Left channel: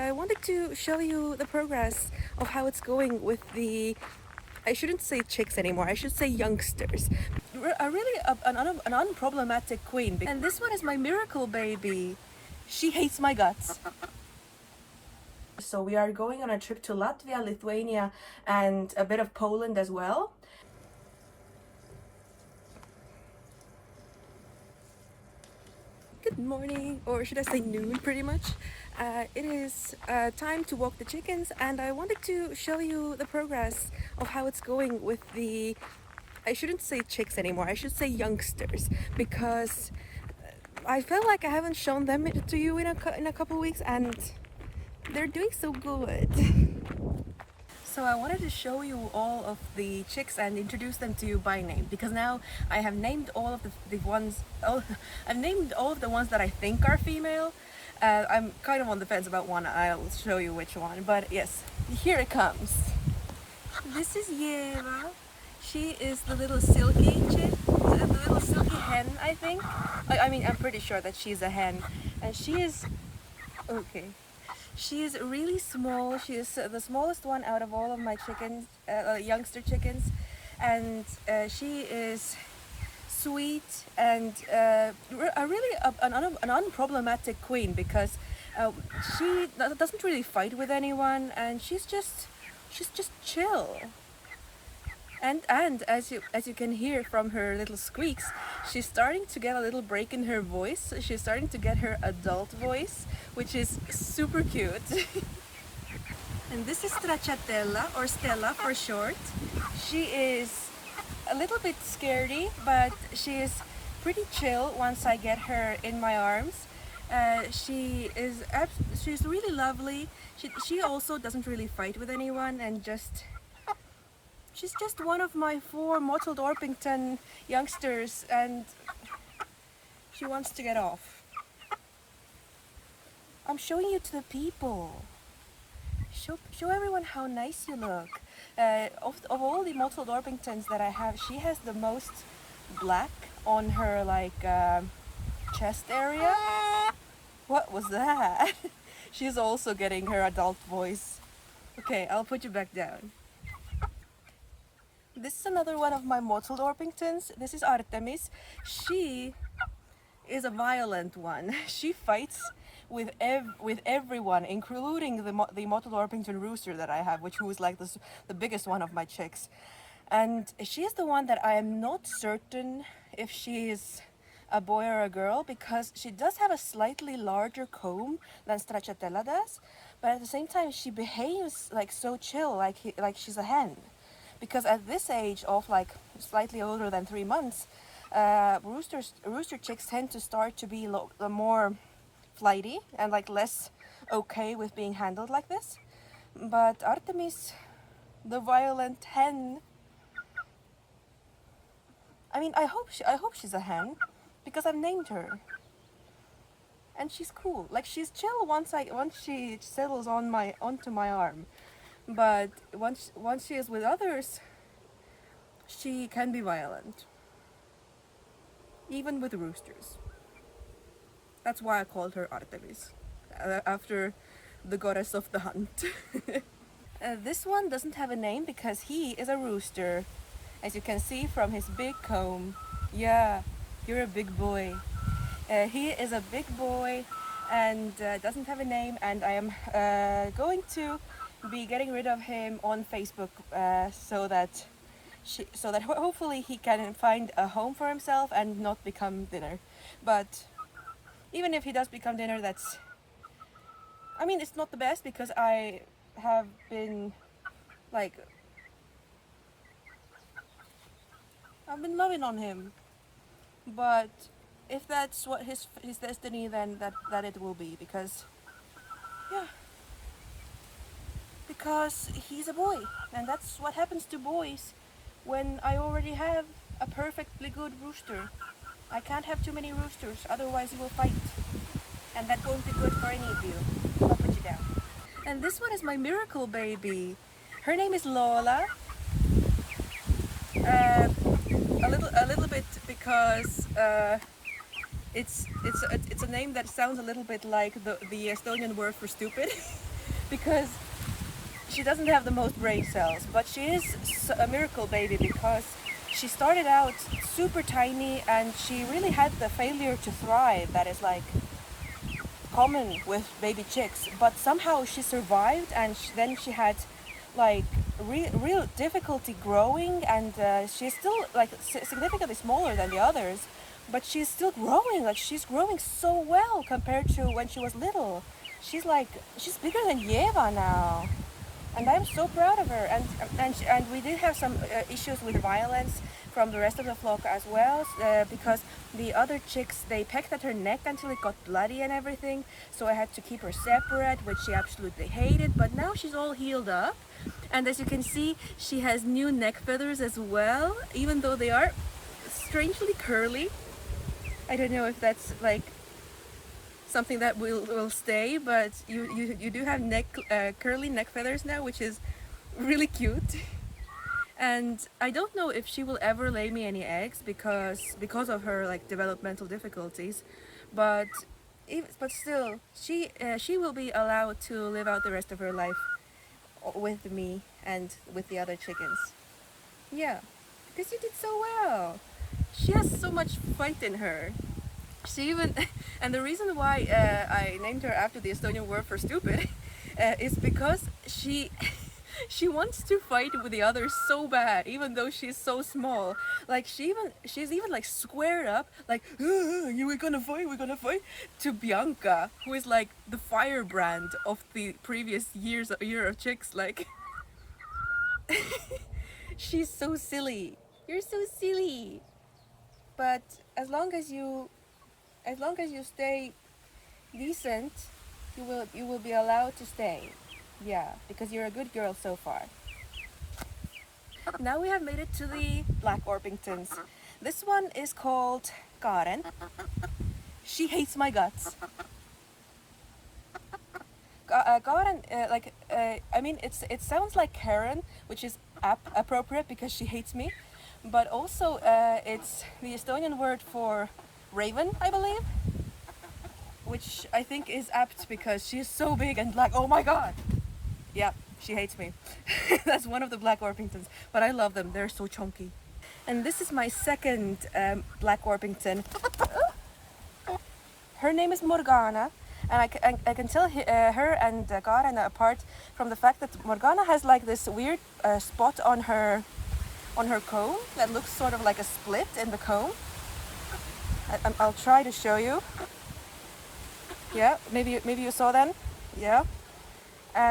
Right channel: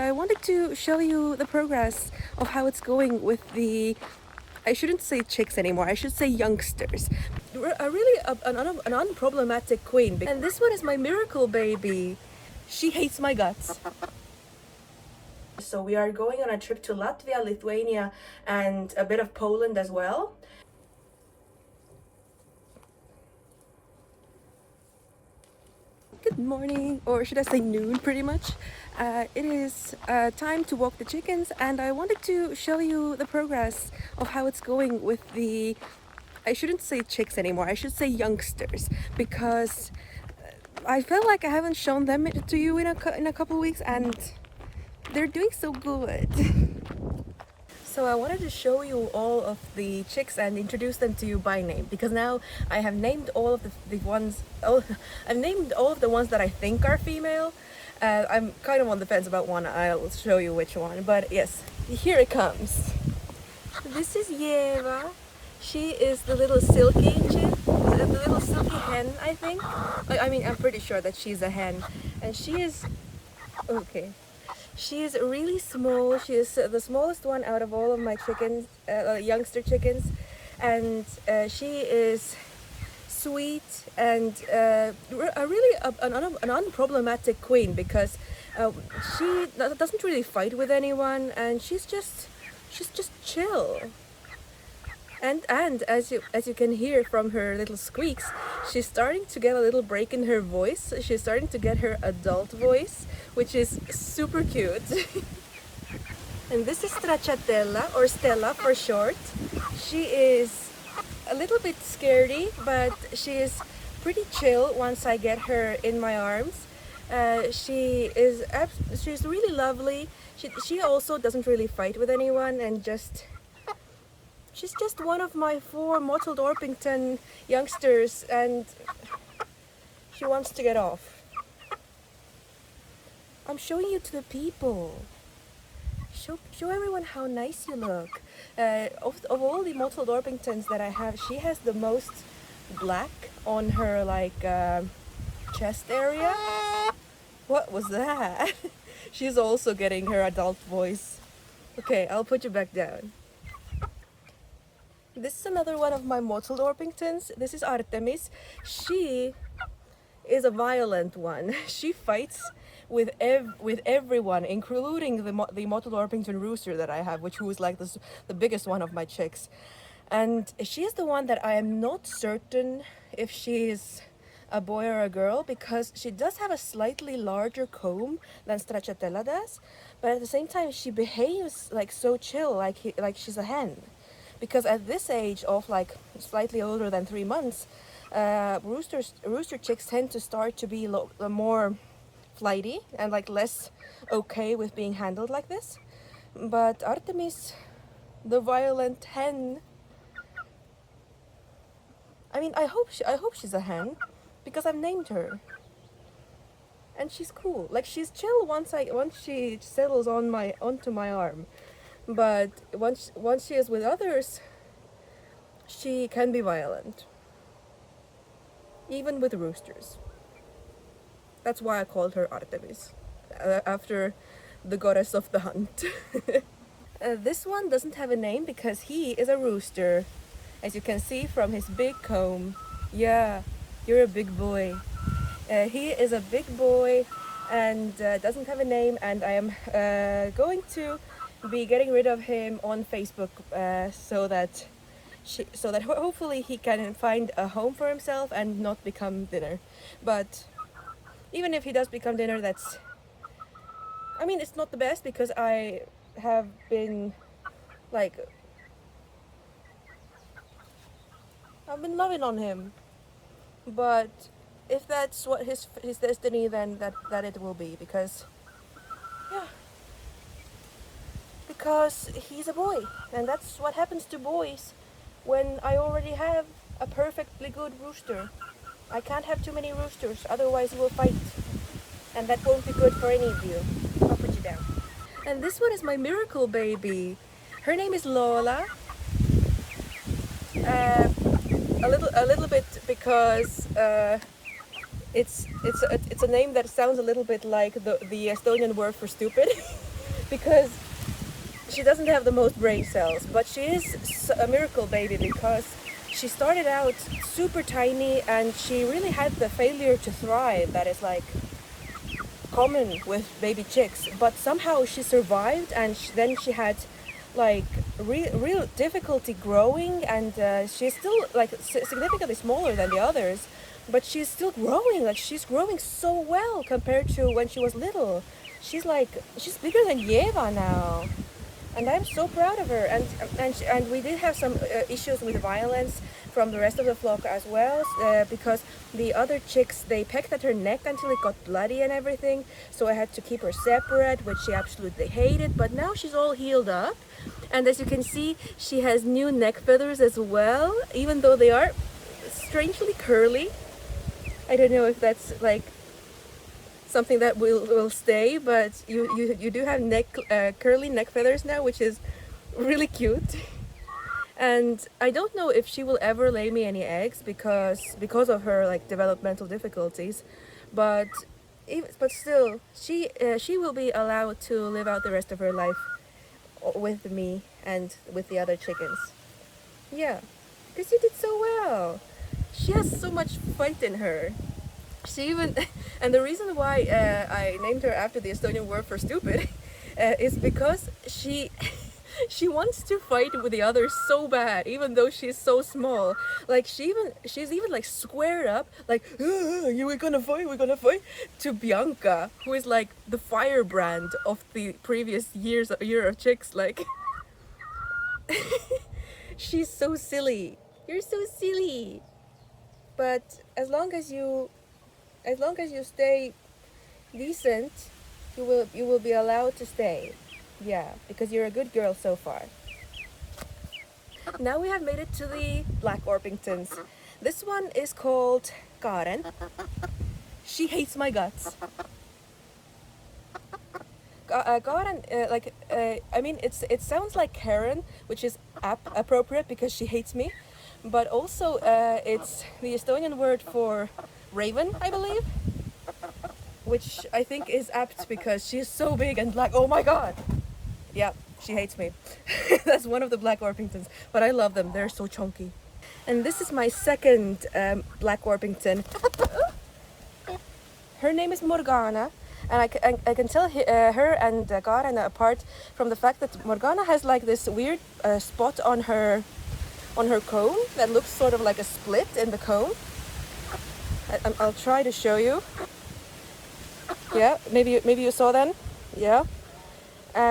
and I wanted to show you the progress of how it's going with the, I shouldn't say chicks anymore, I should say youngsters. An unproblematic queen. And this one is my miracle baby. She hates my guts. So we are going on a trip to Latvia, Lithuania, and a bit of Poland as well. Good morning, or should I say noon, pretty much. It is time to walk the chickens, and I wanted to show you the progress of how it's going with the, I shouldn't say chicks anymore, I should say youngsters, because I feel like I haven't shown them to you in a couple weeks, and they're doing so good. So I wanted to show you all of the chicks and introduce them to you by name, because now I have named all of the ones. Oh, I've named all of the ones that I think are female. I'm kind of on the fence about one. I'll show you which one. But yes, here it comes. This is Yeva. She is the little silky chick, the little silky hen, I think. I mean, I'm pretty sure that she's a hen, and she is okay. She is really small. She is the smallest one out of all of my chickens, youngster chickens, and she is sweet and an unproblematic queen, because she doesn't really fight with anyone, and she's just chill. And as you can hear from her little squeaks, she's starting to get a little break in her voice. She's starting to get her adult voice, which is super cute. And this is Stracciatella, or Stella for short. She is a little bit scaredy, but she is pretty chill once I get her in my arms. She's really lovely. She also doesn't really fight with anyone, and she's just one of my 4 mottled Orpington youngsters, and she wants to get off. I'm showing you to the people. Show everyone how nice you look. Of all the mottled Orpingtons that I have, she has the most black on her chest area. What was that? She's also getting her adult voice. Okay, I'll put you back down. This is another one of my mottled Orpingtons. This is Artemis. She is a violent one. She fights with everyone, including the mottled Orpington rooster that I have, who is like the biggest one of my chicks. And she is the one that I am not certain if she is a boy or a girl, because she does have a slightly larger comb than Stracciatella does, but at the same time she behaves like so chill, like she's a hen. Because at this age of slightly older than 3 months, rooster chicks tend to start to be more flighty and less okay with being handled like this. But Artemis, the violent hen, I mean, I hope she's a hen, because I've named her, and she's cool. She's chill once she settles onto my arm. But once she is with others, she can be violent, even with roosters. That's why I called her Artemis, after the goddess of the hunt. This one doesn't have a name because he is a rooster, as you can see from his big comb. Yeah, you're a big boy. He is a big boy and doesn't have a name, and I am going to be getting rid of him on Facebook, so that hopefully he can find a home for himself and not become dinner. But even if he does become dinner, I mean, it's not the best, because I have been I've been loving on him. But if that's what his destiny, then that it will be, because he's a boy, and that's what happens to boys when I already have a perfectly good rooster. I can't have too many roosters, otherwise you will fight, and that won't be good for any of you. I'll put you down. And this one is my miracle baby. Her name is Lola. A little bit because it's a name that sounds a little bit like the Estonian word for stupid. because she doesn't have the most brain cells, but she is a miracle baby because she started out super tiny and she really had the failure to thrive that is like common with baby chicks, but somehow she survived, and then she had like real difficulty growing, and she's still like significantly smaller than the others, but she's still growing. Like she's growing so well compared to when she was little. She's bigger than Yeva now, and I'm so proud of her. And we did have some issues with violence from the rest of the flock as well, because the other chicks, they pecked at her neck until it got bloody and everything. So I had to keep her separate, which she absolutely hated. But now she's all healed up, and as you can see, she has new neck feathers as well, even though they are strangely curly. I don't know if that's like something that will stay, but you do have curly neck feathers now, which is really cute. And I don't know if she will ever lay me any eggs because of her like developmental difficulties, but still she will be allowed to live out the rest of her life with me and with the other chickens. Yeah, because you did so well. She has so much fight in her. She even, and the reason why I named her after the Estonian word for stupid is because she wants to fight with the others so bad, even though she's so small. Like she's even like squared up, like we're gonna fight, to Bianca, who is like the firebrand of the previous year of chicks. Like she's so silly. You're so silly. But as long as you stay decent, you will be allowed to stay. Yeah, because you're a good girl so far. Now we have made it to the Black Orpingtons. This one is called Karen. She hates my guts. Karen, I mean, it sounds like Karen, which is appropriate because she hates me, but also it's the Estonian word for raven, I believe, which I think is apt because she's so big and black. Oh my god! Yeah, she hates me. That's one of the Black Orpingtons, but I love them. They're so chunky. And this is my second Black Orpington. Her name is Morgana, and I can tell her and Karen apart from the fact that Morgana has like this weird spot on her comb that looks sort of like a split in the comb. I'll try to show you. Yeah, maybe you saw that. Yeah.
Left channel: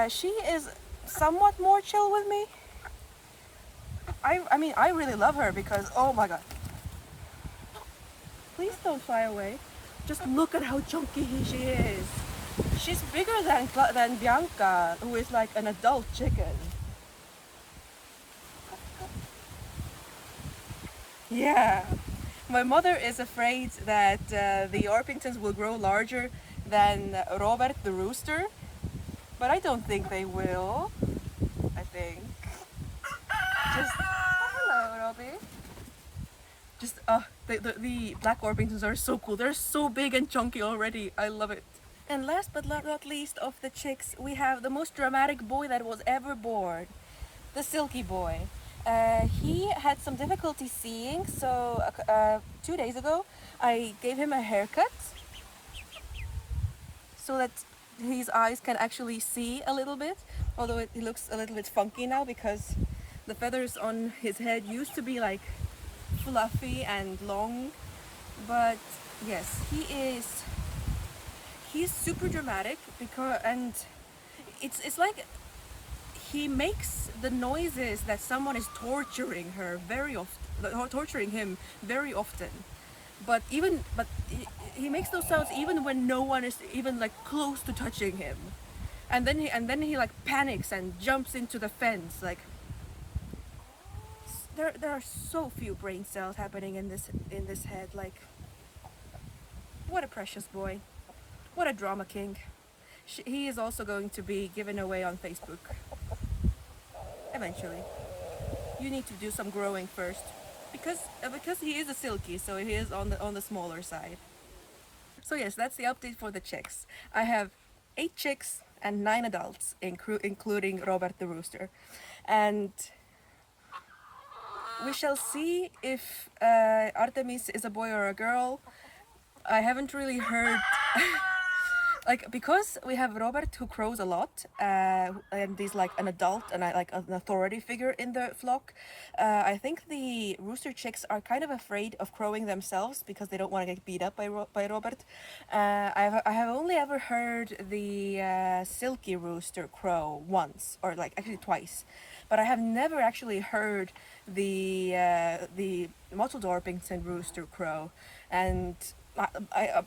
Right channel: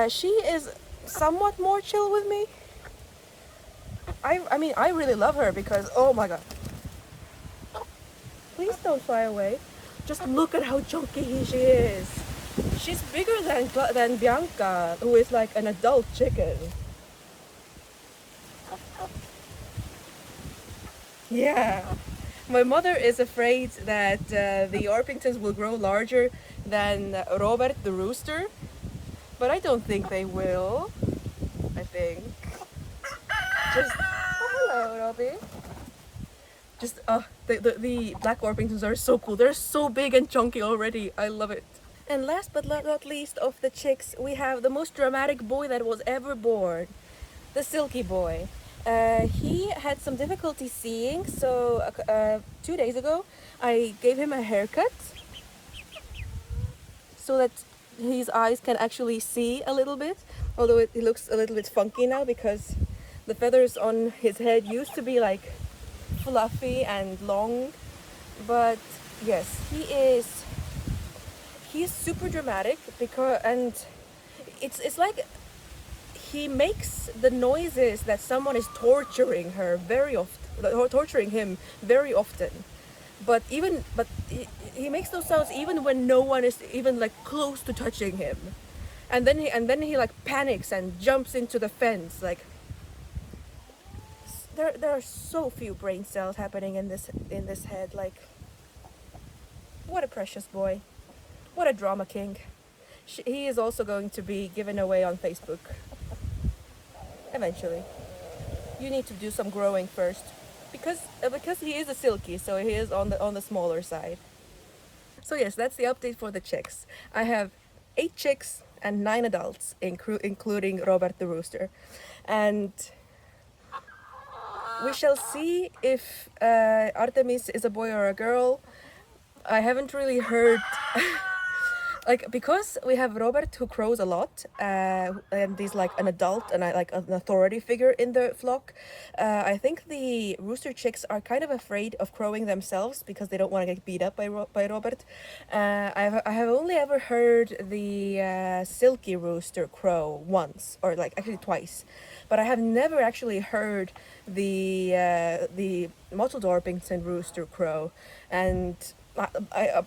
She is somewhat more chill with me. I mean, I really love her because, oh my god. Please don't fly away. Just look at how chunky she is. She's bigger than Bianca, who is like an adult chicken. Yeah. My mother is afraid that the Orpingtons will grow larger than Robert the rooster, but I don't think they will. I think. Just hello, Robbie. Just the Black Orpingtons are so cool. They're so big and chunky already. I love it. And last but not least of the chicks, we have the most dramatic boy that was ever born, the Silky Boy. He had some difficulty seeing, so 2 days ago I gave him a haircut so that his eyes can actually see a little bit, although it looks a little bit funky now because the feathers on his head used to be like fluffy and long. But yes, he's super dramatic and it's like he makes the noises that someone is torturing him very often. But he makes those sounds even when no one is even like close to touching him. And then he like panics and jumps into the fence. Like there are so few brain cells happening in this head. Like, what a precious boy. What a drama king. He is also going to be given away on Facebook. Eventually. You need to do some growing first. Because he is a silky, so he is on the smaller side. So yes, that's the update for the chicks. I have 8 chicks and 9 adults, including Robert the rooster. And we shall see if Artemis is a boy or a girl. I haven't really heard like, because we have Robert who crows a lot, and he's like an adult and like an authority figure in the flock. I think the rooster chicks are kind of afraid of crowing themselves because they don't want to get beat up by Robert. I have only ever heard the silky rooster crow once, or like actually twice, but I have never actually heard the Mottled Orpington rooster crow. And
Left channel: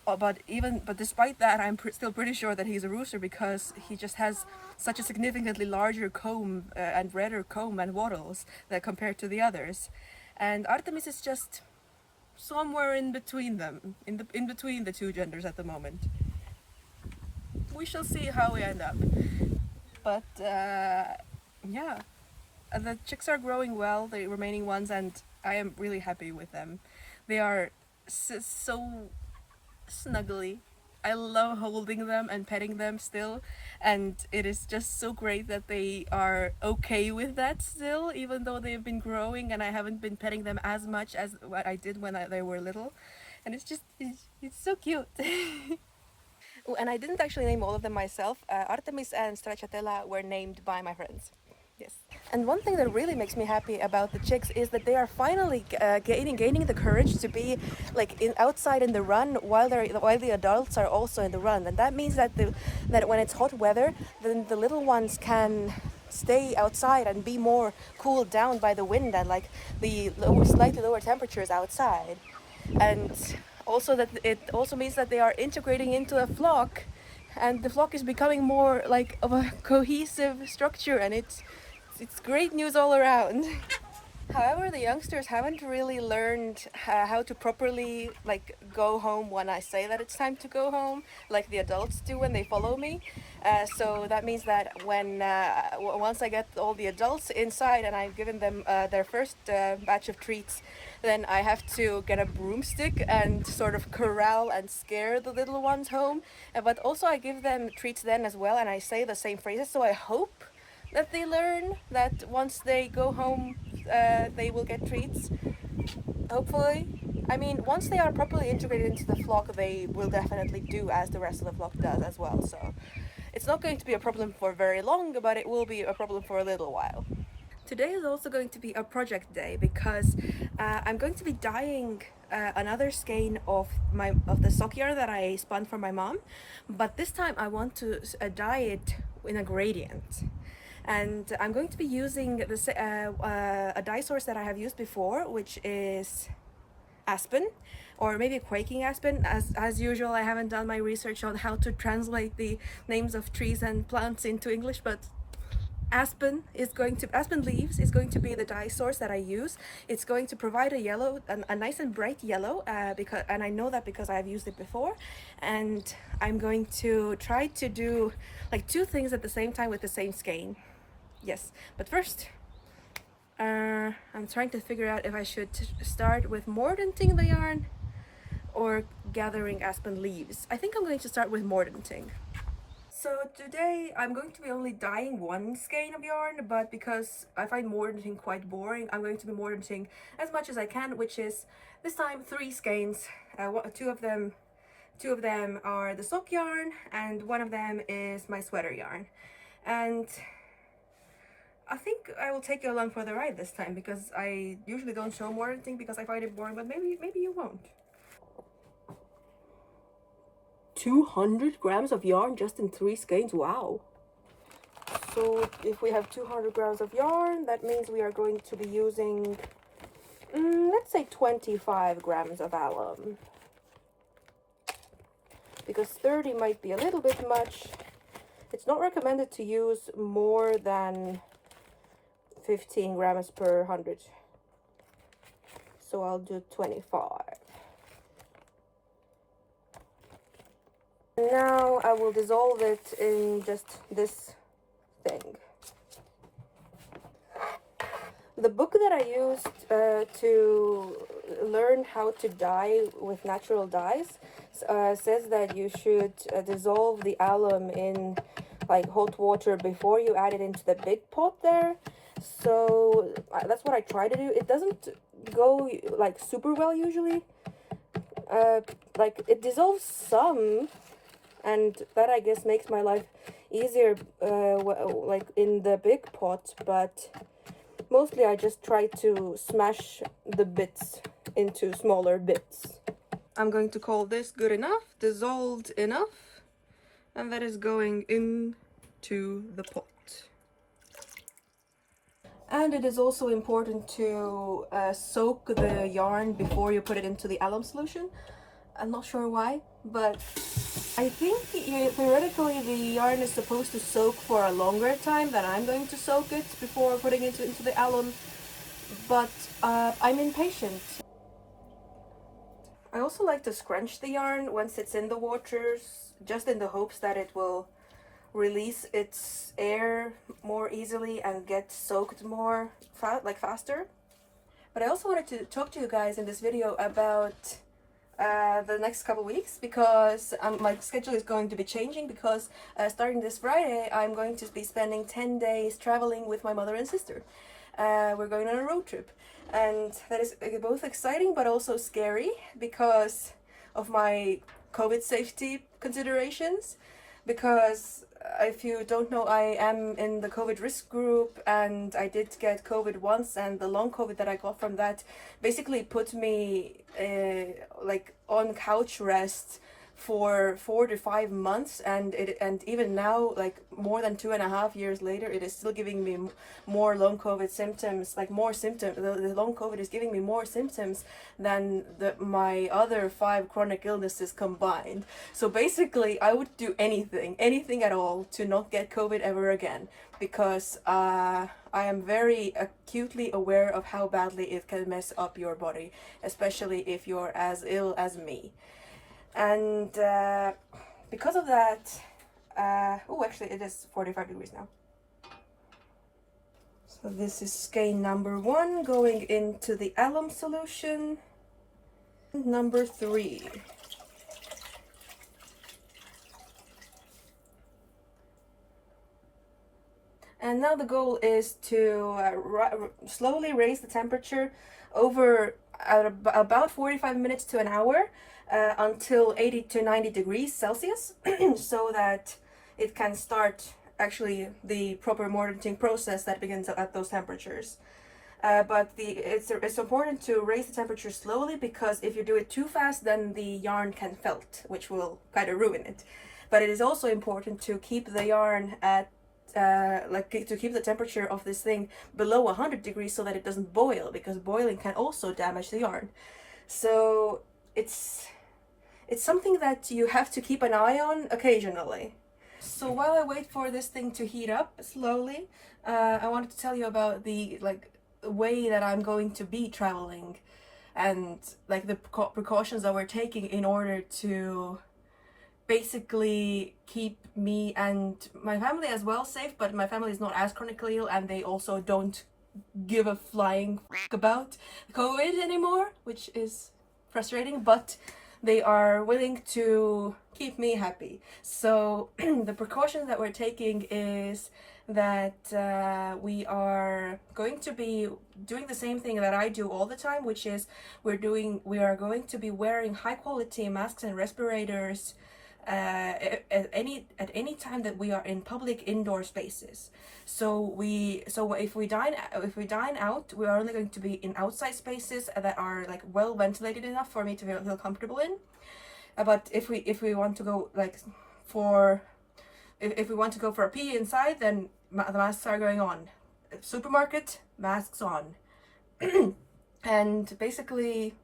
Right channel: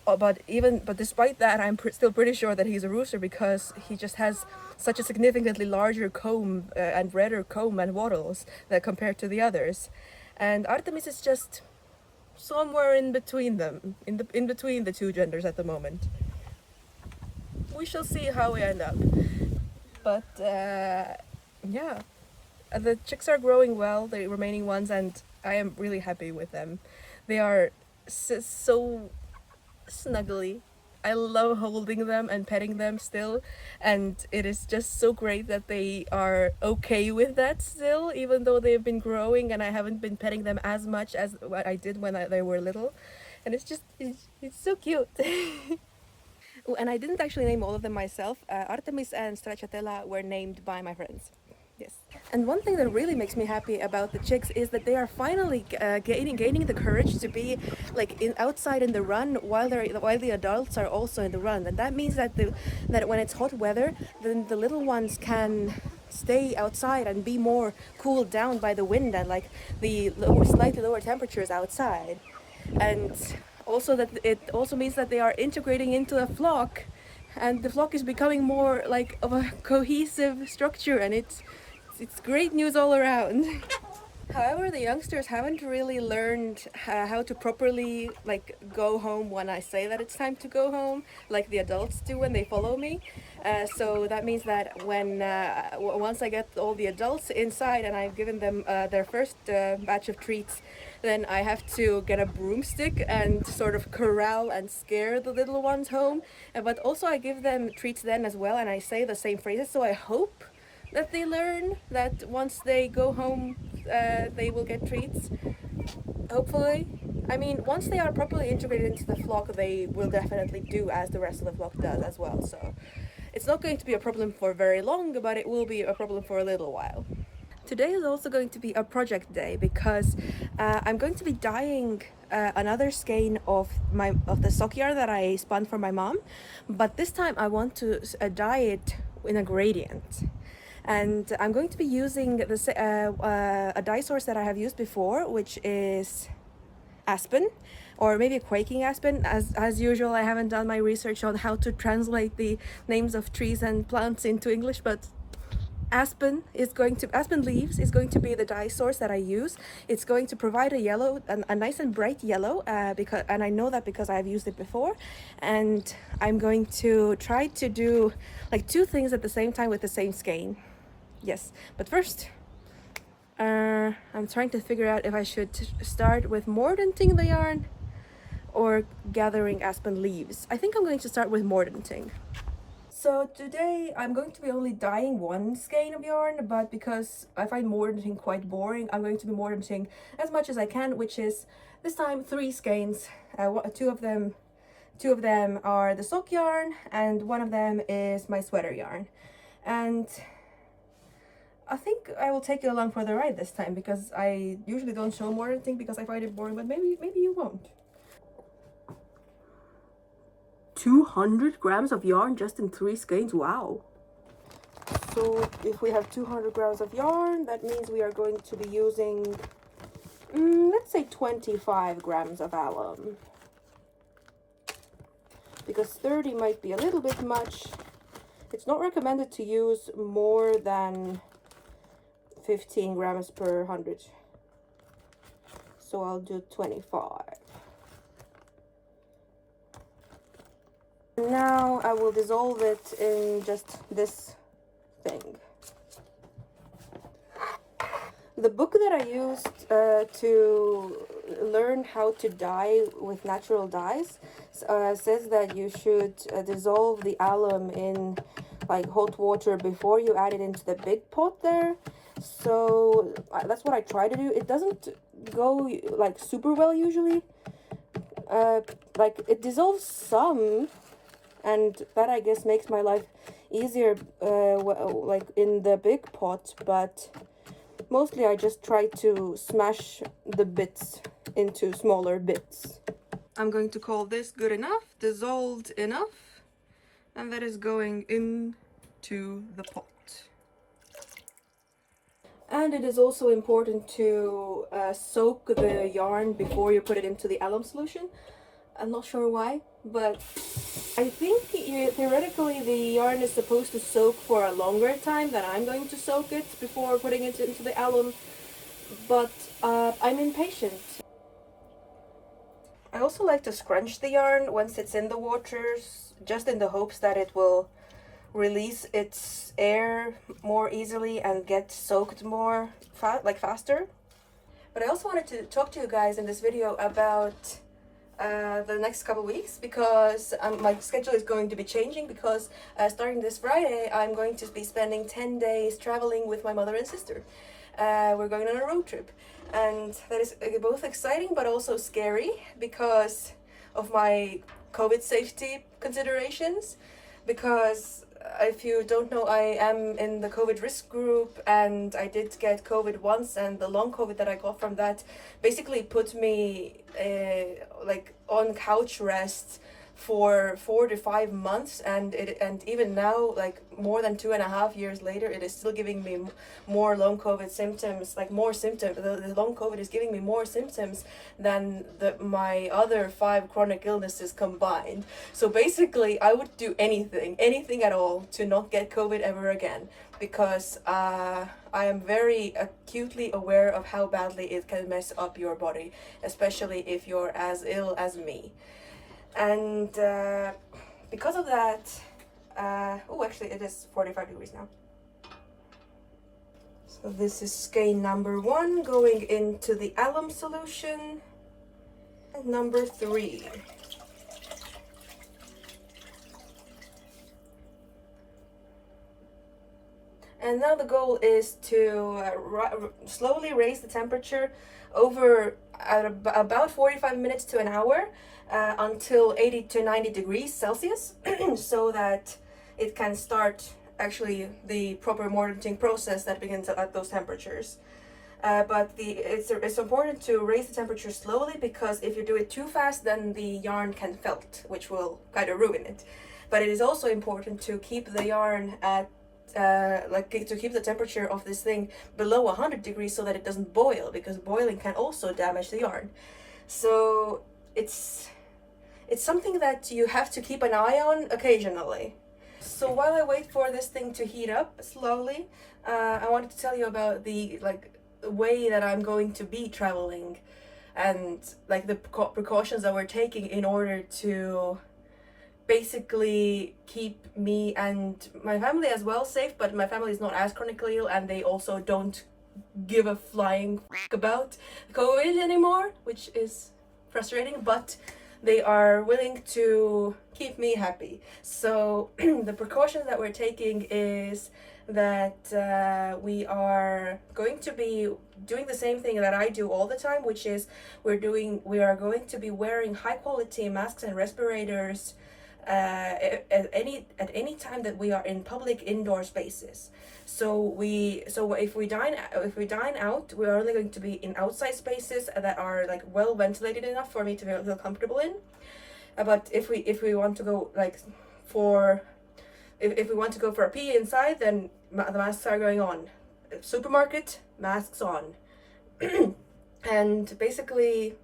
but despite that, I'm still pretty sure that he's a rooster because he just has such a significantly larger comb and redder comb and wattles that compared to the others. And Artemis is just somewhere in between them, in between the two genders at the moment. We shall see how we end up. But yeah, the chicks are growing well, the remaining ones, and I am really happy with them. They are so snuggly. I love holding them and petting them still, and it is just so great that they are okay with that still, even though they've been growing and I haven't been petting them as much as what I did when they were little. And it's so cute. Oh, and I didn't actually name all of them myself. Artemis and Stracciatella were named by my friends. Yes. And one thing that really makes me happy about the chicks is that they are finally gaining the courage to be like outside in the run while the adults are also in the run, and that means that that when it's hot weather, then the little ones can stay outside and be more cooled down by the wind and like the slightly lower temperatures outside. And also that it also means that they are integrating into a flock, and the flock is becoming more like of a cohesive structure, and it's great news all around. However, the youngsters haven't really learned how to properly like go home when I say that it's time to go home, like the adults do when they follow me. So that means that when once I get all the adults inside and I've given them their first batch of treats, then I have to get a broomstick and sort of corral and scare the little ones home. But also I give them treats then as well, and I say the same phrases. So I hope that they learn that once they go home, they will get treats. Hopefully. I mean, once they are properly integrated into the flock, they will definitely do as the rest of the flock does as well. So it's not going to be a problem for very long, but it will be a problem for a little while. Today is also going to be a project day because I'm going to be dyeing another skein of the sock yarn that I spun for my mom, but this time I want to dye it in a gradient. And I'm going to be using a dye source that I have used before, which is aspen, or maybe quaking aspen. As usual, I haven't done my research on how to translate the names of trees and plants into English, but aspen leaves is going to be the dye source that I use. It's going to provide a nice and bright yellow, and I know that because I've used it before. And I'm going to try to do like two things at the same time with the same skein. Yes, but first, I'm trying to figure out if I should start with mordanting the yarn or gathering aspen leaves. I think I'm going to start with mordanting. So today I'm going to be only dyeing one skein of yarn, but because I find mordanting quite boring, I'm going to be mordanting as much as I can, which is this time 3 skeins. Two of them are the sock yarn, and one of them is my sweater yarn. And I think I will take you along for the ride this time, because I usually don't show mordanting because I find it boring, but maybe you won't. 200 grams of yarn just in 3 skeins, wow. So if we have 200 grams of yarn, that means we are going to be using, let's say 25 grams of alum. Because 30 might be a little bit much. It's not recommended to use more than 15 grams per 100. So I'll do 25. Now I will dissolve it in just this thing. The book that I used to learn how to dye with natural dyes says that you should dissolve the alum in like hot water before you add it into the big pot there. So that's what I try to do. It doesn't go like super well usually. Like it dissolves some, and that I guess makes my life easier like in the big pot, but mostly I just try to smash the bits into smaller bits. I'm going to call this good enough, dissolved enough, and that is going into the pot. And it is also important to soak the yarn before you put it into the alum solution. I'm not sure why, but I think theoretically the yarn is supposed to soak for a longer time than I'm going to soak it before putting it into the alum, but I'm impatient. I also like to scrunch the yarn once it's in the waters, just in the hopes that it will release its air more easily and get soaked more faster. But I also wanted to talk to you guys in this video about the next couple weeks, because my schedule is going to be changing, because starting this Friday I'm going to be spending 10 days traveling with my mother and sister. We're going on a road trip, and that is both exciting but also scary because of my COVID safety considerations, because if you don't know, I am in the COVID risk group, and I did get COVID once, and the long COVID that I got from that basically put me like on couch rest for 4 to 5 months, and even now, like more than 2.5 years later, it is still giving me more long COVID symptoms, like more symptoms. The long COVID is giving me more symptoms than my other 5 chronic illnesses combined. So basically I would do anything at all to not get COVID ever again, because I am very acutely aware of how badly it can mess up your body, especially if you're as ill as me. And because of that, oh, actually it is 45 degrees now. So this is skein number 1 going into the alum solution. Number 3. And now the goal is to slowly raise the temperature over about 45 minutes to an hour until 80 to 90 degrees Celsius so that it can start actually the proper molting process that begins at those temperatures. But it's important to raise the temperature slowly, because if you do it too fast, then the yarn can felt, which will kind of ruin it. But it is also important to keep the yarn at to keep the temperature of this thing below 100 degrees so that it doesn't boil, because boiling can also damage the yarn. So it's something that you have to keep an eye on occasionally. So while I wait for this thing to heat up slowly, I wanted to tell you about the way that I'm going to be traveling, and like the precautions that we're taking in order to basically keep me and my family as well safe. But my family is not as chronically ill, and they also don't give a flying about COVID anymore, which is frustrating, but they are willing to keep me happy. So the precaution that we're taking is that we are going to be doing the same thing that I do all the time, which is we are going to be wearing high quality masks and respirators at any time that we are in public indoor spaces. So if we dine out, we are only going to be in outside spaces that are like well ventilated enough for me to feel comfortable in. But if we want to go if we want to go for a pee inside, then the masks are going on. Supermarket, masks on. And basically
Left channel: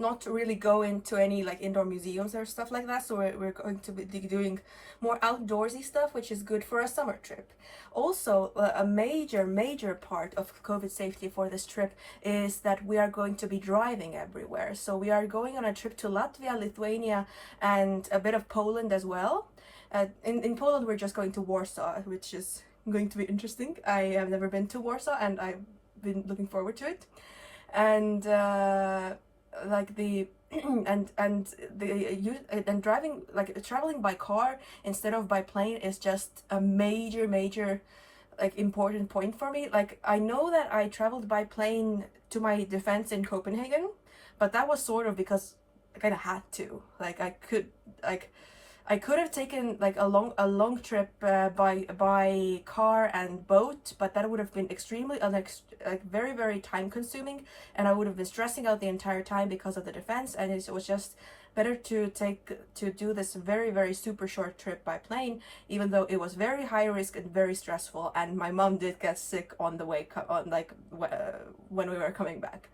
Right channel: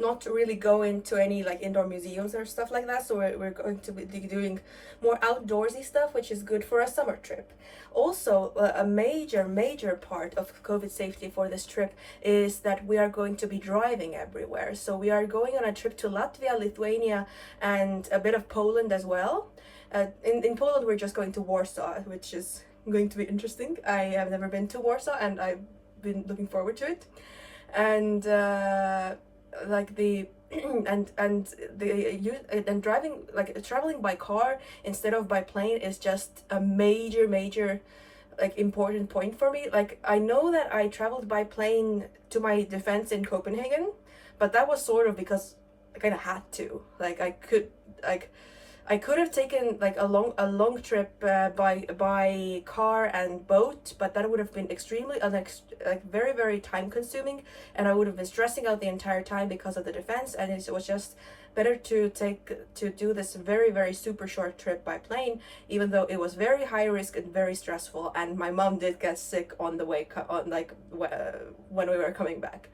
not really go into any like indoor museums or stuff like that. So we're going to be doing more outdoorsy stuff, which is good for a summer trip. Also, a major part of COVID safety for this trip is that we are going to be driving everywhere. So we are going on a trip to Latvia, Lithuania, and a bit of Poland as well. In Poland, we're just going to Warsaw, which is going to be interesting. I have never been to Warsaw, and I've been looking forward to it. And like the and driving, like traveling by car instead of by plane is just a major like important point for me. Like, I know that I traveled by plane to my defense in Copenhagen, but that was sort of because I kind of had to. Like, I could have taken like a long trip by car and boat, but that would have been extremely like very time consuming, and I would have been stressing out the entire time because of the defense. And it was just better to do this very super short trip by plane, even though it was very high risk and very stressful. And my mom did get sick on the way when we were coming back,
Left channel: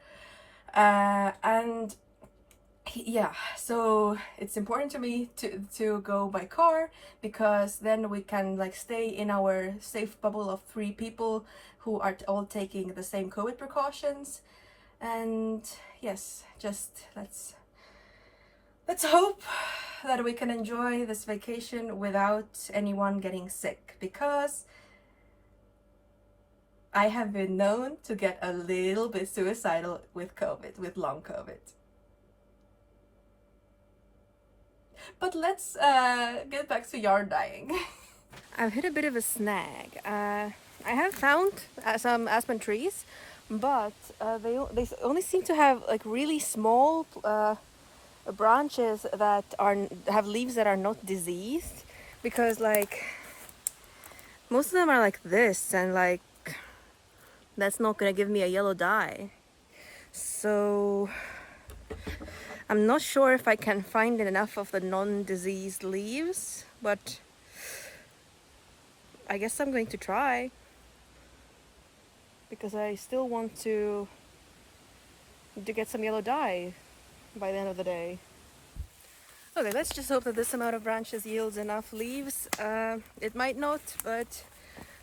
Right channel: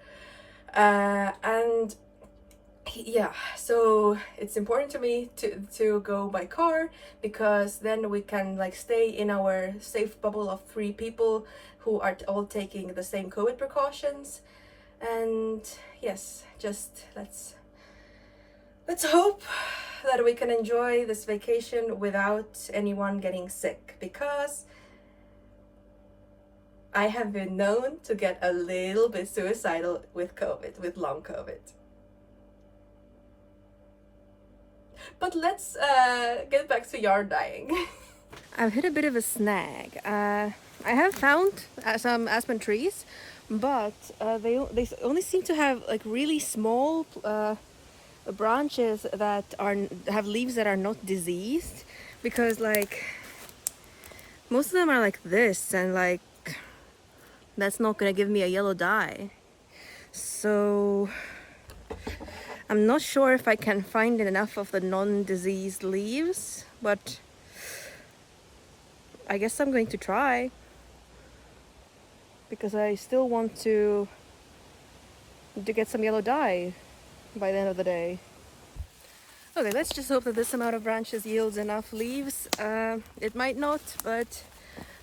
and yeah, so it's important to me to go by car, because then we can like stay in our safe bubble of 3 people who are all taking the same COVID precautions. And yes, just let's hope that we can enjoy this vacation without anyone getting sick, because I have been known to get a little bit suicidal with COVID, with long COVID. But let's get back to yarn dyeing. I've hit a bit of a snag. I have found some aspen trees, but they only seem to have like really small branches that have leaves that are not diseased, because like most of them are like this, and like that's not gonna give me a yellow dye. So I'm not sure if I can find enough of the non-diseased leaves, but I guess I'm going to try, because I still want to get some yellow dye by the end of the day. Okay, let's just hope that this amount of branches yields enough leaves. It might not, but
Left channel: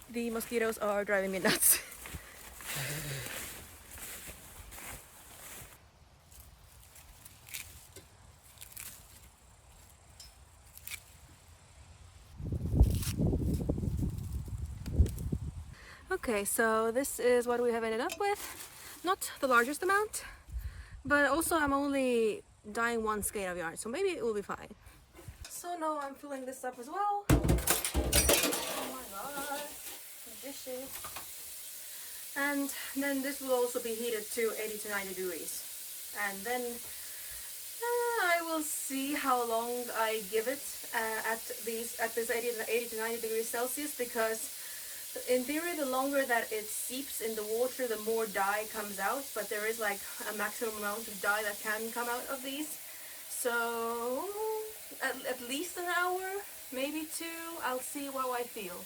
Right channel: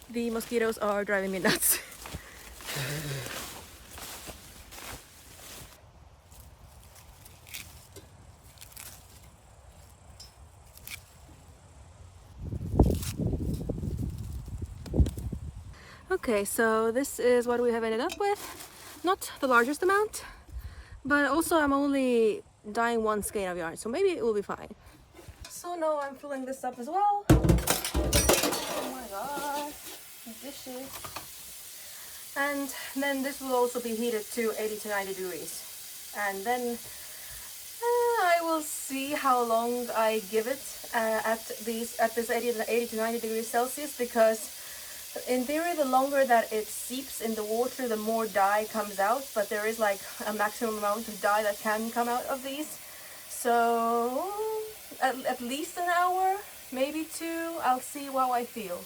the mosquitoes are driving me nuts. Okay, so this is what we have ended up with. Not the largest amount, but also I'm only dyeing 1 skein of yarn, so maybe it will be fine. So now I'm filling this up as well. Oh my god, dishes. And then this will also be heated to 80 to 90 degrees. And then I will see how long I give it at this 80 to 90 degrees Celsius, because in theory, the longer that it seeps in the water, the more dye comes out, but there is like a maximum amount of dye that can come out of these. So at least an hour, maybe 2, I'll see how I feel.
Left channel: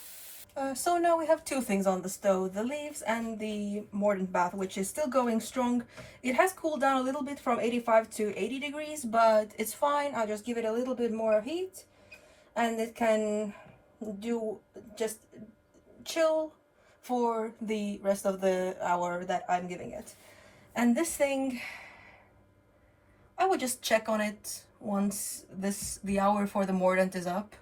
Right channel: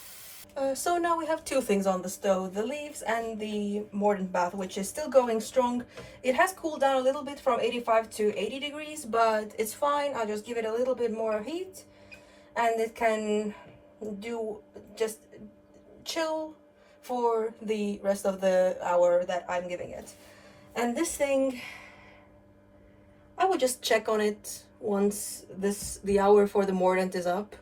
So now we have 2 things on the stove, the leaves and the mordant bath, which is still going strong. It has cooled down a little bit from 85 to 80 degrees, but it's fine. I'll just give it a little bit more heat, and it can do just chill for the rest of the hour that I'm giving it. And this thing, I will just check on it once the hour for the mordant is up.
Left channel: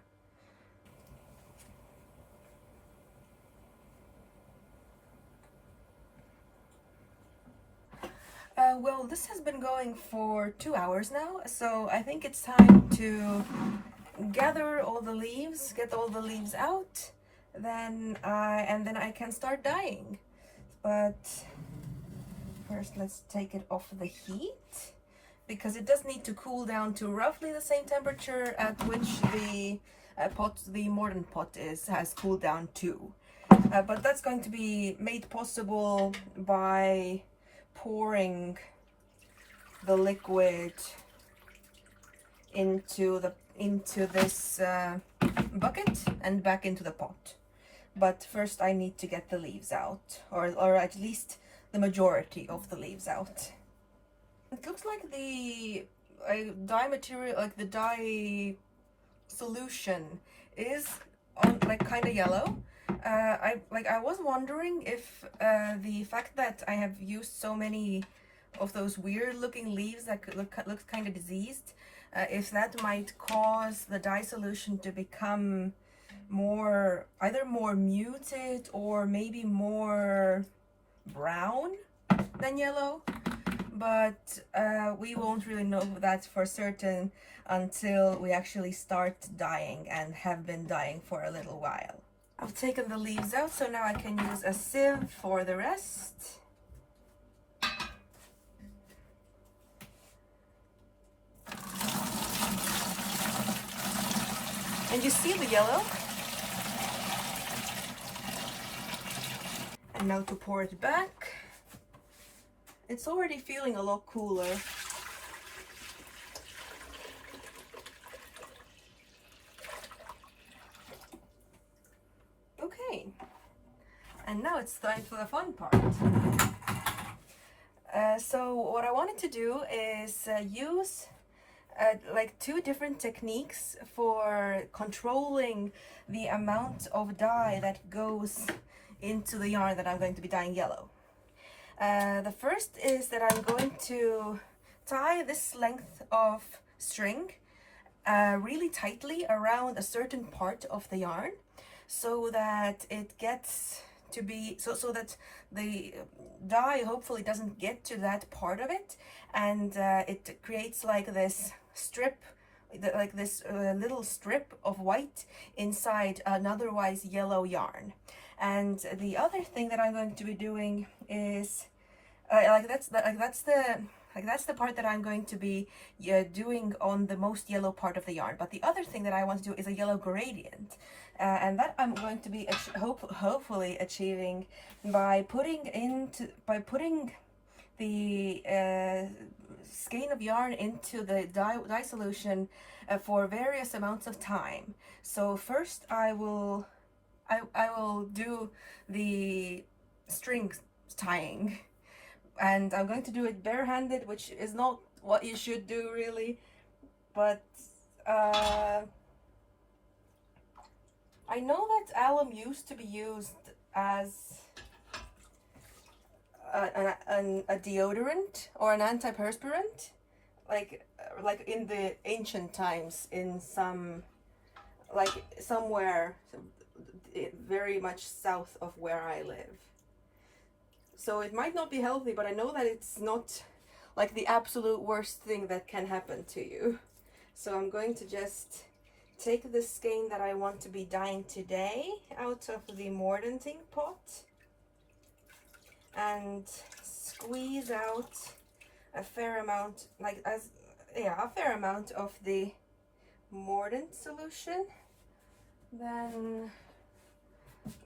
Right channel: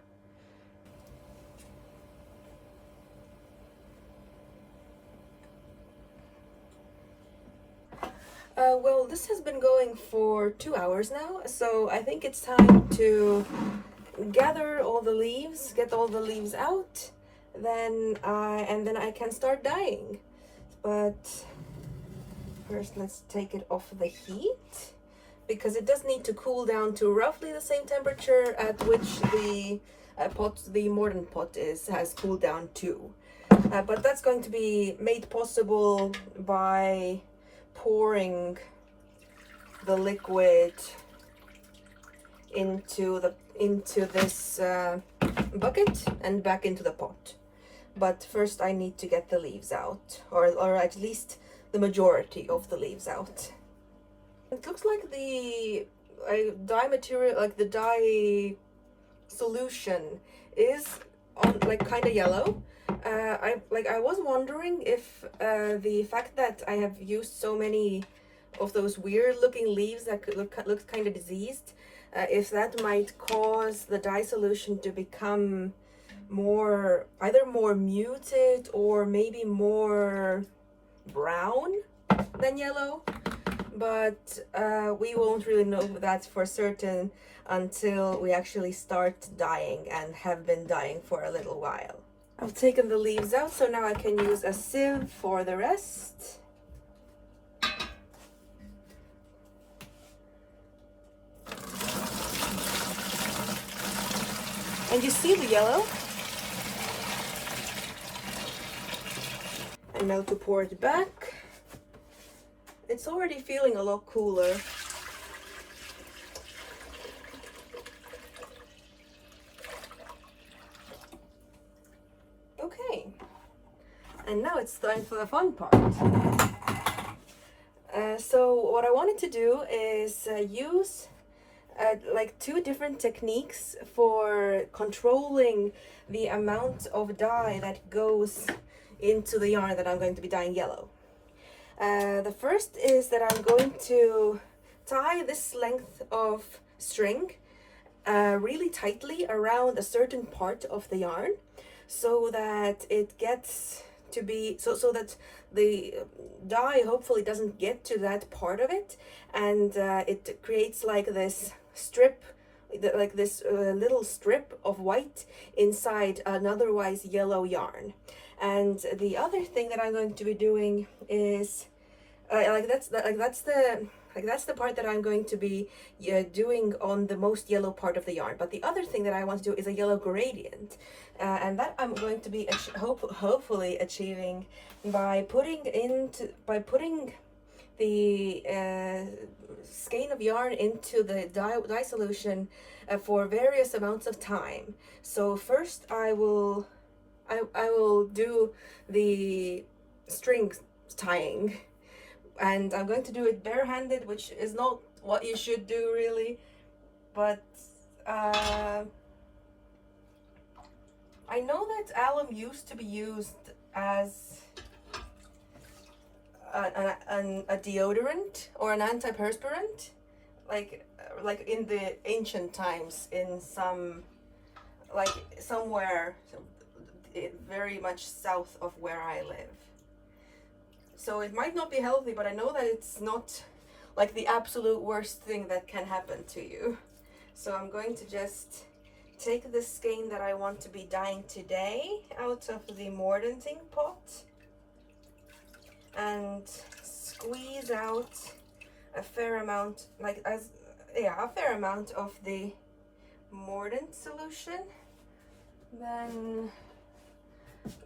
Well, this has been going for 2 hours now, so I think it's time to gather all the leaves, get all the leaves out, and then I can start dyeing. But first let's take it off the heat, because it does need to cool down to roughly the same temperature at which the mordant pot has cooled down to. But that's going to be made possible by pouring the liquid into this bucket and back into the pot. But first I need to get the leaves out, or at least the majority of the leaves out. It looks like the dye material, like the dye solution, is on like kind of yellow. I was wondering if the fact that I have used so many of those weird looking leaves that could look kind of diseased, if that might cause the dye solution to become either more muted or maybe more brown than yellow. but we won't really know that for certain until we actually start dyeing and have been dyeing for a little while. I've taken the leaves out, so now I can use a sieve for the rest. And you see the yellow? And now to pour it back. It's already feeling a lot cooler. Okay, and now it's time for the fun part. So what I wanted to do is use like 2 different techniques for controlling the amount of dye that goes into the yarn that I'm going to be dyeing yellow. The first is that I'm going to tie this length of string really tightly around a certain part of the yarn, so that it gets to be so that the dye hopefully doesn't get to that part of it, and it creates like this strip, like this little strip of white inside an otherwise yellow yarn. And the other thing that I'm going to be doing is that's the part that I'm going to be doing on the most yellow part of the yarn. But the other thing that I want to do is a yellow gradient, and that I'm going to be hopefully achieving by putting the skein of yarn into the dye solution for various amounts of time. So first I will do the string tying, and I'm going to do it barehanded, which is not what you should do really, but I know that alum used to be used as a deodorant or an antiperspirant, like in the ancient times, in somewhere very much south of where I live. So it might not be healthy, but I know that it's not like the absolute worst thing that can happen to you. So I'm going to just take the skein that I want to be dyeing today out of the mordanting pot and squeeze out a fair amount, a fair amount of the mordant solution. Then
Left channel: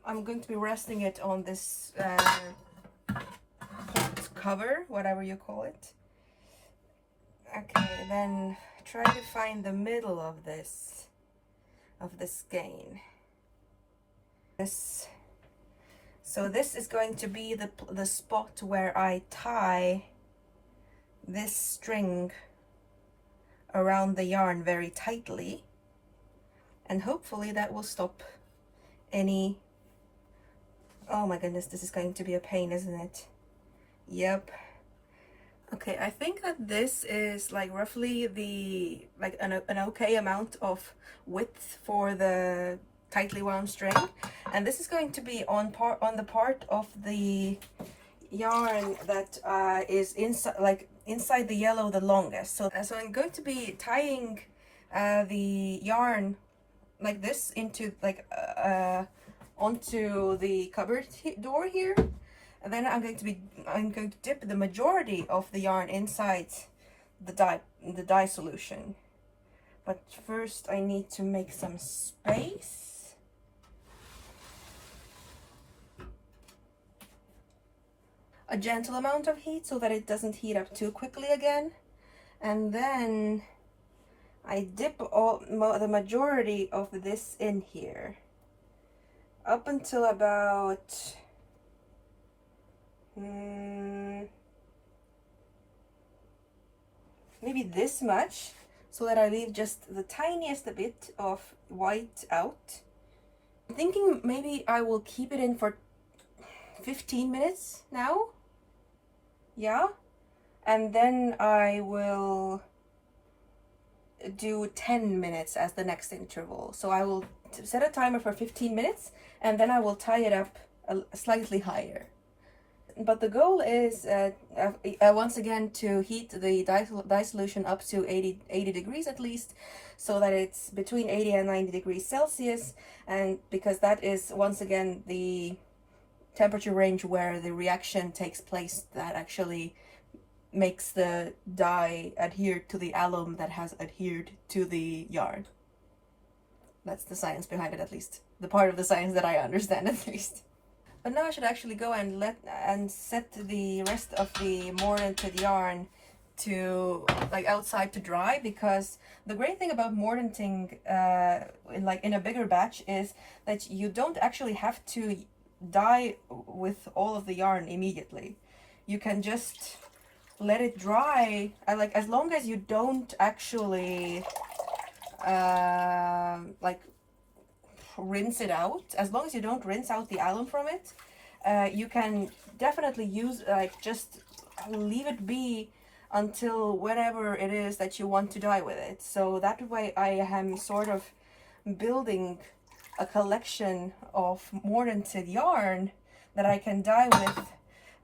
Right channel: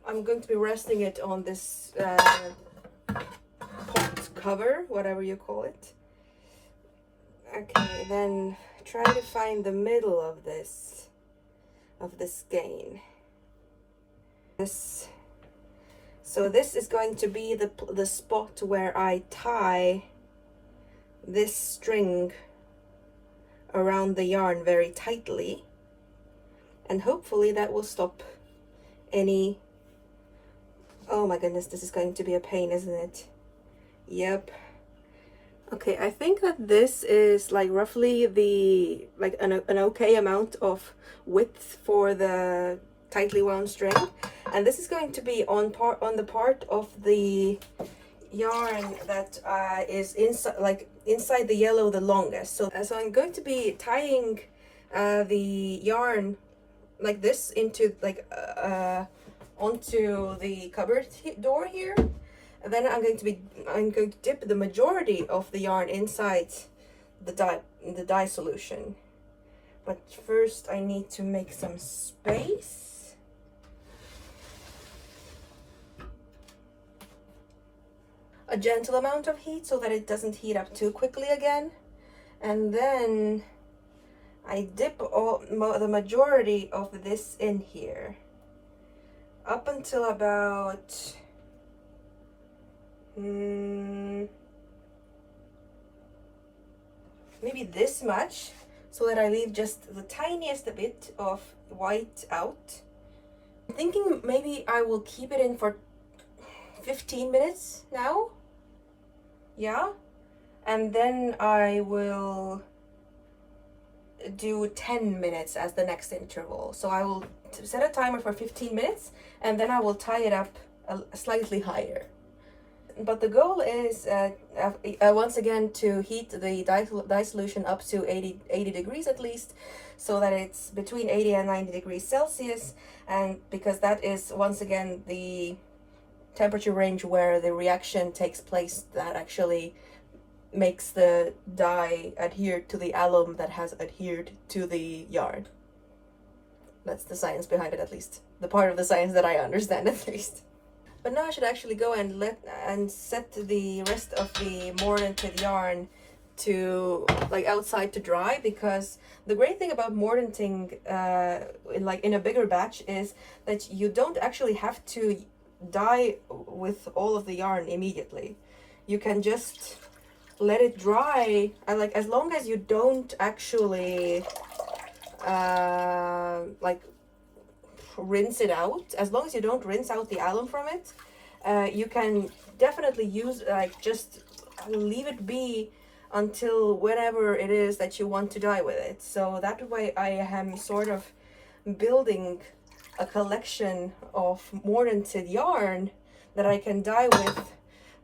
I'm going to be resting it on this pot cover, whatever you call it. Okay, then try to find the middle of this skein. So this is going to be the spot where I tie this string around the yarn very tightly, and hopefully that will stop any... Oh my goodness, this is going to be a pain, isn't it? Yep. Okay, I think that this is like roughly an okay amount of width for the tightly wound string, and this is going to be on the part of the yarn that is inside the yellow the longest. So I'm going to be tying the yarn like this into onto the cupboard door here. And then I'm going to dip the majority of the yarn inside the dye solution. But first I need to make some space. A gentle amount of heat so that it doesn't heat up too quickly again. And then I dip the majority of this in here up until about maybe this much, so that I leave just the tiniest bit of white out. I'm thinking maybe I will keep it in for 15 minutes now. Yeah, and then I will do 10 minutes as the next interval. So I will set a timer for 15 minutes, and then I will tie it up slightly higher. but the goal is once again to heat the dye solution up to 80 degrees at least, so that it's between 80 and 90 degrees Celsius, and because that is once again the temperature range where the reaction takes place that actually makes the dye adhere to the alum that has adhered to the yarn. That's the science behind it, at least. The part of the science that I understand, at least. But now I should actually go and set the rest of the mordanted yarn to outside to dry, because the great thing about mordanting in a bigger batch is that you don't actually have to dye with all of the yarn immediately. You can just let it dry, as long as you don't actually rinse it out. As long as you don't rinse out the alum from it, you can definitely use just leave it be until whenever it is that you want to dye with it. So that way I am sort of building a collection of mordanted yarn that I can dye with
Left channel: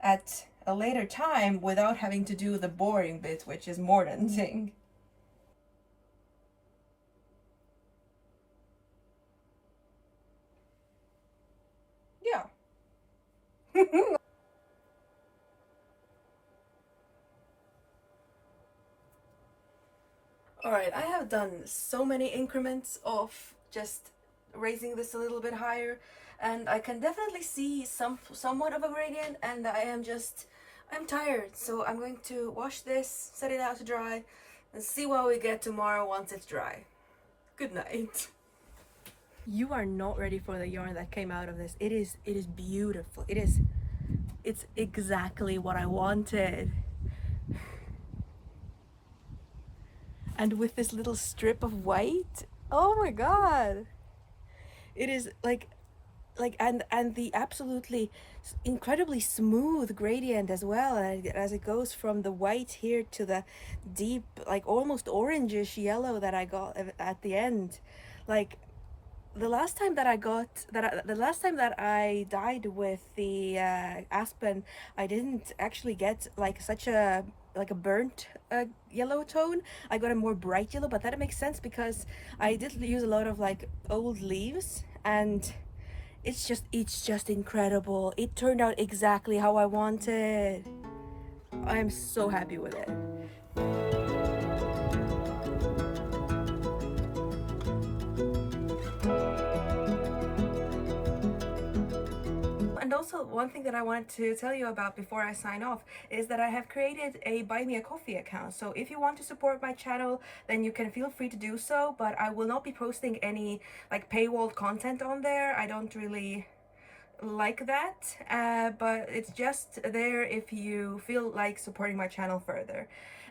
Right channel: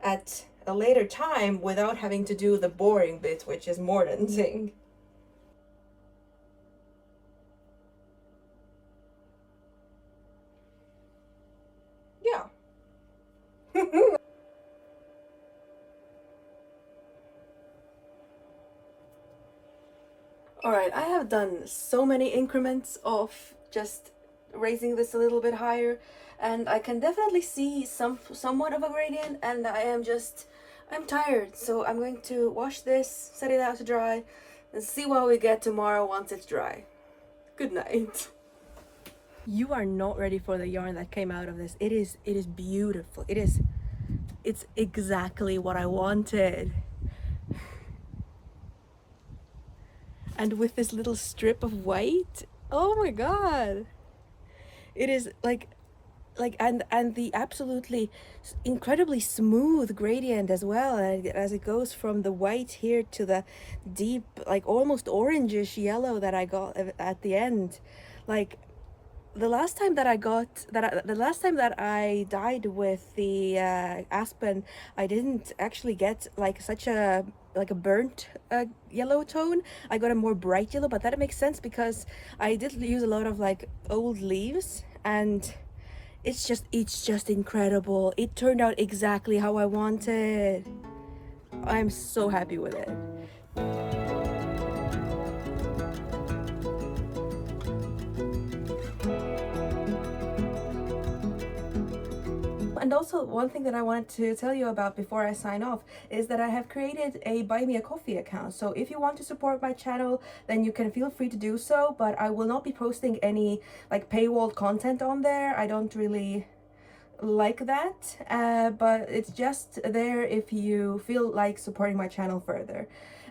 at a later time without having to do the boring bit, which is mordanting. Yeah. Alright, I have done so many increments of just raising this a little bit higher, and I can definitely see somewhat of a gradient, and I'm tired, so I'm going to wash this, set it out to dry, and see what we get tomorrow once it's dry. Good night. You are not ready for the yarn that came out of this. It is beautiful. It's exactly what I wanted. And with this little strip of white, oh my god, it is and the absolutely incredibly smooth gradient as well, as it goes from the white here to the deep almost orangish yellow that I got at the end. The last time that I dyed with the aspen, I didn't actually get such a burnt yellow tone. I got a more bright yellow, but that makes sense because I did use a lot of old leaves, and it's just incredible. It turned out exactly how I wanted. I'm so happy with it. And also, one thing that I wanted to tell you about before I sign off is that I have created a Buy Me a Coffee account. So if you want to support my channel, then you can feel free to do so, but I will not be posting any paywall content on there. I don't really like that, but it's just there if you feel like supporting my channel further.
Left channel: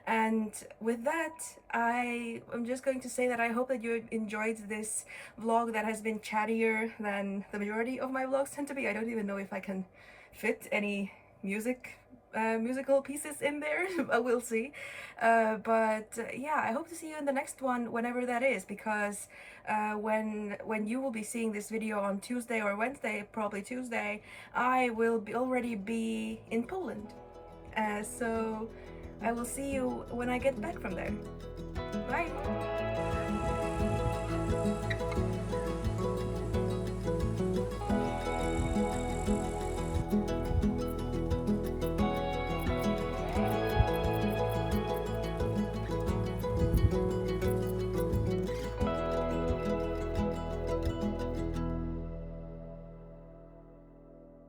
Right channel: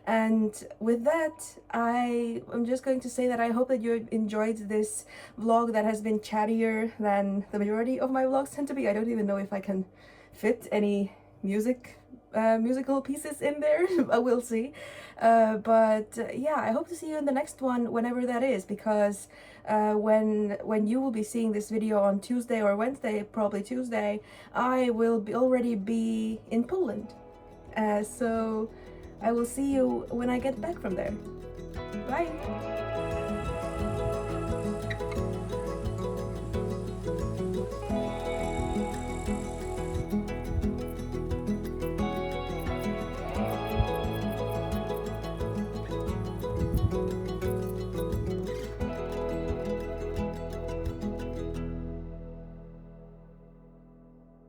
And with that, I'm just going to say that I hope that you enjoyed this vlog that has been chattier than the majority of my vlogs tend to be. I don't even know if I can fit any musical pieces in there. We'll see. But yeah, I hope to see you in the next one, whenever that is, because when you will be seeing this video on Tuesday or Wednesday, probably Tuesday, I will already be in Poland. So I will see you when I get back from there. Bye!